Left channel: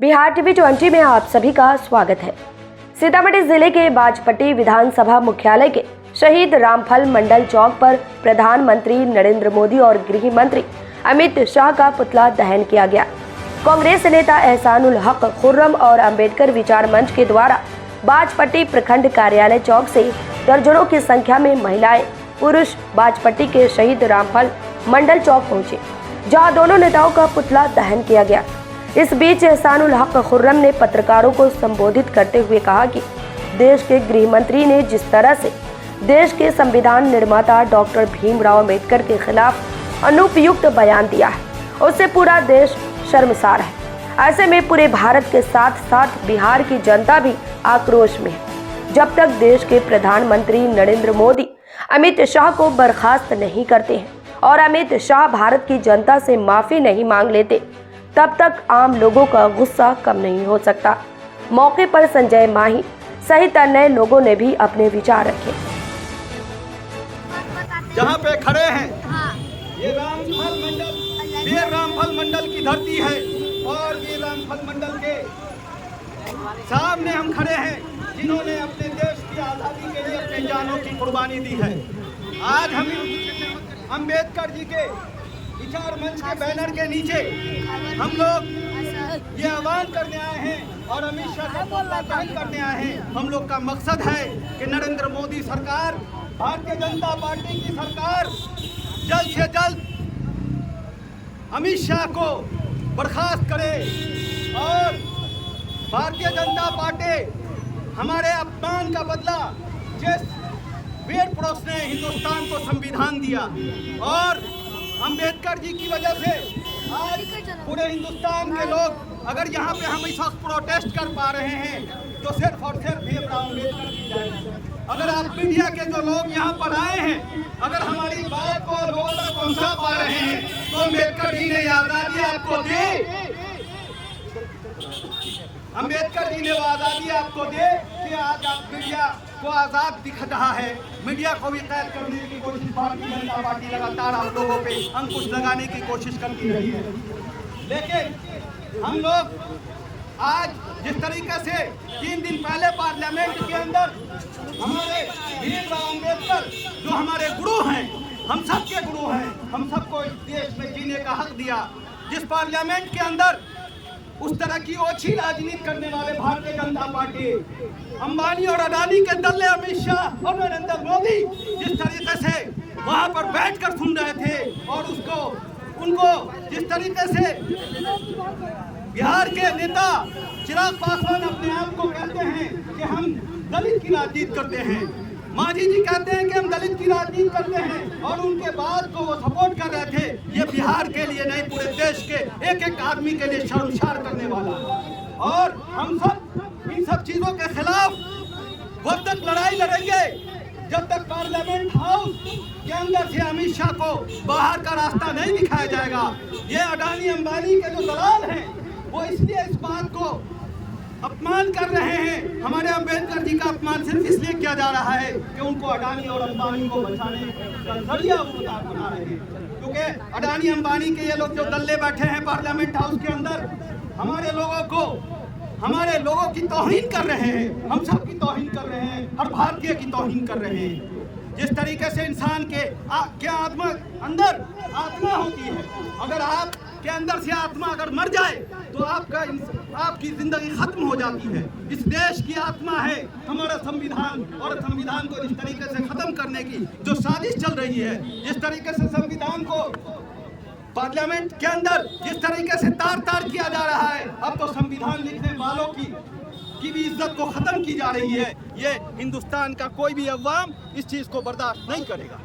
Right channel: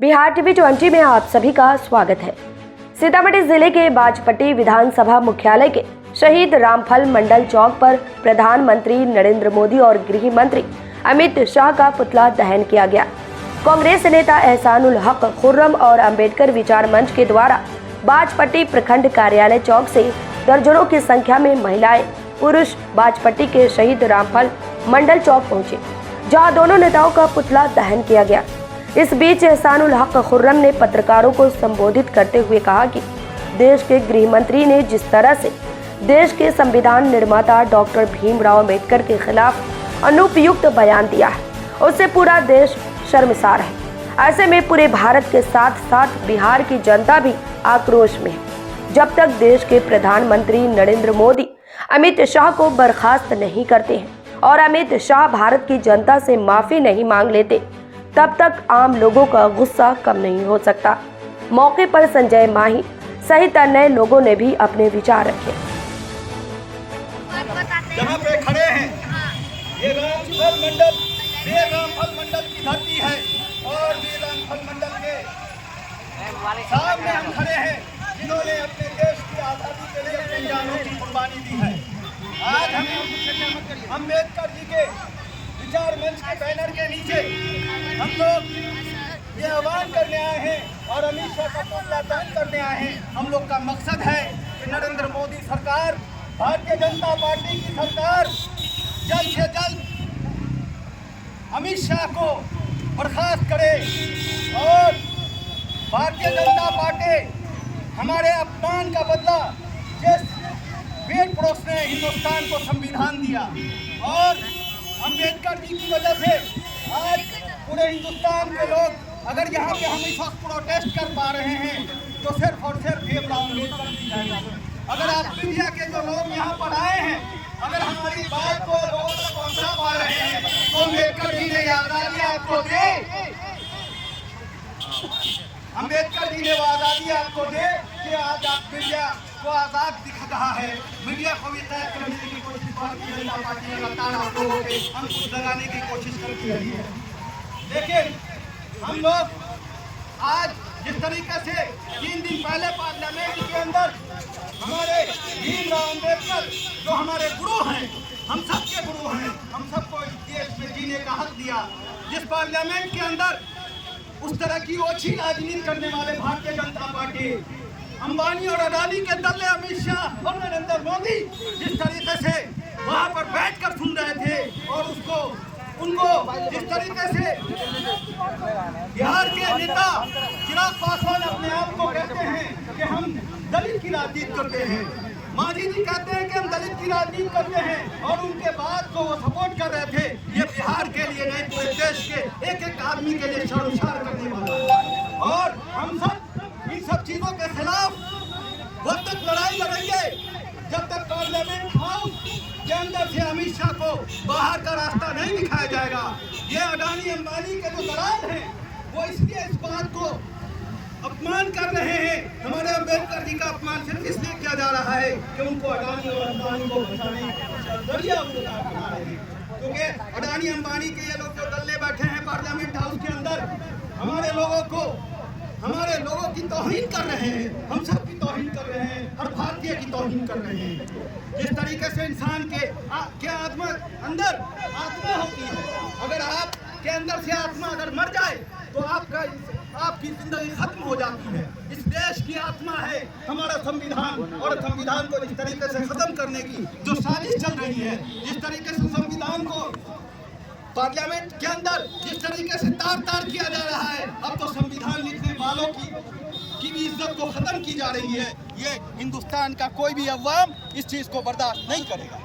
Bihar TV 20 में आप सभी का स्वागत है। सीतामढ़ी जिले के बाजपट्टी विधानसभा मुख्यालय के शहीद रामफल मंडल चौक पर प्रधानमंत्री नरेंद्र मोदी और गृह मंत्री अमित शाह का पुतला दहन किया गया। कांग्रेस नेता एहसानुल हक खुर्रम और अंबेडकर विचार मंच के द्वारा बाजपट्टी प्रखंड कार्यालय चौक से दर्जनों की संख्या में महिलाएं पुरुष बाजपट्टी के शहीद रामफल मंडल चौक पहुंचे, जहां दोनों नेताओं का पुतला दहन किया गया। इस बीच एहसानुल हक खुर्रम ने पत्रकारों को संबोधित करते हुए कहा कि देश के गृह मंत्री ने जिस तरह से देश के संविधान निर्माता डॉक्टर भीमराव अम्बेडकर के खिलाफ अनुपयुक्त बयान दिया है, उससे पूरा देश शर्मसार है। ऐसे में पूरे भारत के साथ साथ बिहार की जनता भी आक्रोश में है। जब तक देश के प्रधानमंत्री नरेंद्र मोदी अमित शाह को बर्खास्त नहीं करते हैं और अमित शाह भारत की जनता से माफी नहीं मांग लेते, तब तक आम लोगों का गुस्सा कम नहीं हो सकता। मौके पर संजय माही सहित अन्य लोगों ने भी अपने विचार रखे। जहाँ पे खड़े हैं ये रामफल मंडल, वीर रामफल मंडल की धरती है और वीर रामफल मंडल के सामने हम खड़े हैं जिन्होंने अपने देश की आज़ादी के लिए अपने जानों की कुर्बानी दी है। आज हम अम्बेडकर जी के विचार मंच के बैनर के नीचे हम लोग ये आह्वान करने आए हैं और अमित शाह का पुतला दहन करने आए हैं। हम लोग का मकसद है कि नरेंद्र मोदी सरकार, भारतीय जनता पार्टी की सरकार जल्द से जल्द अमित शाह को बर्खास्त करे और भारतीय जनता पार्टी हमारे अपमान का बदला, जिस वीर पुरुष ने हिंदुस्तान को संविधान दिया और अंबेडकर जी की वजह से आज पूरे हिंदुस्तान के लोग अगर यहाँ पे हम इस वक्त प्रोटेस्ट कर पा रहे हैं तो सिर्फ और सिर्फ भीमराव अम्बेडकर जी जाएंगे। अगर आप मीडिया के जो लोग यहाँ पर आए हैं, अगर हमारी बात को लोगों तक पहुँचा पा रहे हैं तो अम्बेडकर जी ने आज़ादी आपको दी, अम्बेडकर जी ने वो आज़ादी आपको दे कि आज आप मीडिया को आज़ाद दिख रहा है। मीडिया को भी कैद करने की कोशिश भारतीय जनता पार्टी लगातार आप लोगों पे अंकुश लगाने की कोशिश करती रही है। लेकिन हम लोग आज जिस तरीके से 3 दिन पहले पार्लियामेंट के अंदर हमारे भीमराव अम्बेडकर जो हमारे गुरु हैं, हम सबके गुरु हैं, हम सबको इस देश में जीने का हक दिया, जिस पार्लियामेंट के अंदर उस तरह की ओछी राजनीति करने वाले भारतीय जनता पार्टी, अंबानी और अडानी के दल्ले अमित शाह और नरेंद्र मोदी जिस तरीके से वहां पर बैठकर सुन रहे थे और उनको जिस तरीके से बिहार के नेता चिराग पासवान अपने आप को कहते हैं कि हम दलित की राजनीति करते हैं, मांझी जी कहते हैं कि हम दलित की राजनीति करते हैं और उनके बाद को वो सपोर्ट कर रहे थे, ये बिहार के लिए नहीं पूरे देश के एक एक आदमी के लिए शर्मसार करने वाला है। और हम सब इन सब चीजों के खिलाफ जब तक लड़ाई लड़ेंगे जब तक पार्लियामेंट हाउस के अंदर से अमित शाह को बाहर का रास्ता नहीं दिखाया जाएगा। ये अडानी अंबानी के जो दलाल हैं वो इसलिए इस बात को अपमान कर रहे हैं, हमारे अम्बेडकर जी का अपमान सिर्फ इसलिए किया जा रहा है कि उनको अडानी और अंबानी को बचाने का जरिया बना रहे हैं, क्योंकि अडानी अंबानी के ये लोग जो दल्ले बैठे हैं पार्लियामेंट हाउस के अंदर हमारे लोगों की तौहीन कर रहे हैं, हम सब की तौहीन कर रहे हैं, हर भारतीय की तौहीन कर रहे हैं। जिस तरीके से इंसान के अंदर आत्मा होती है, अगर आपके अंदर से आत्मा अगर मर जाए तो आपकी जिंदगी खत्म हो जाती है। इस देश की आत्मा है हमारा संविधान, और संविधान को जिस तरीके से खत्म करने की जो साजिश चल रही है, जिस तरीके से संविधान को पार्लियामेंट के अंदर जिस तरीके से तार किया जा रहा है, अब तो संविधान लिखने वालों की भी इज्जत को खत्म की जा रही है। ये हिंदुस्तान का कोई भी अवाम इस चीज को बर्दाश्त नहीं करेगा।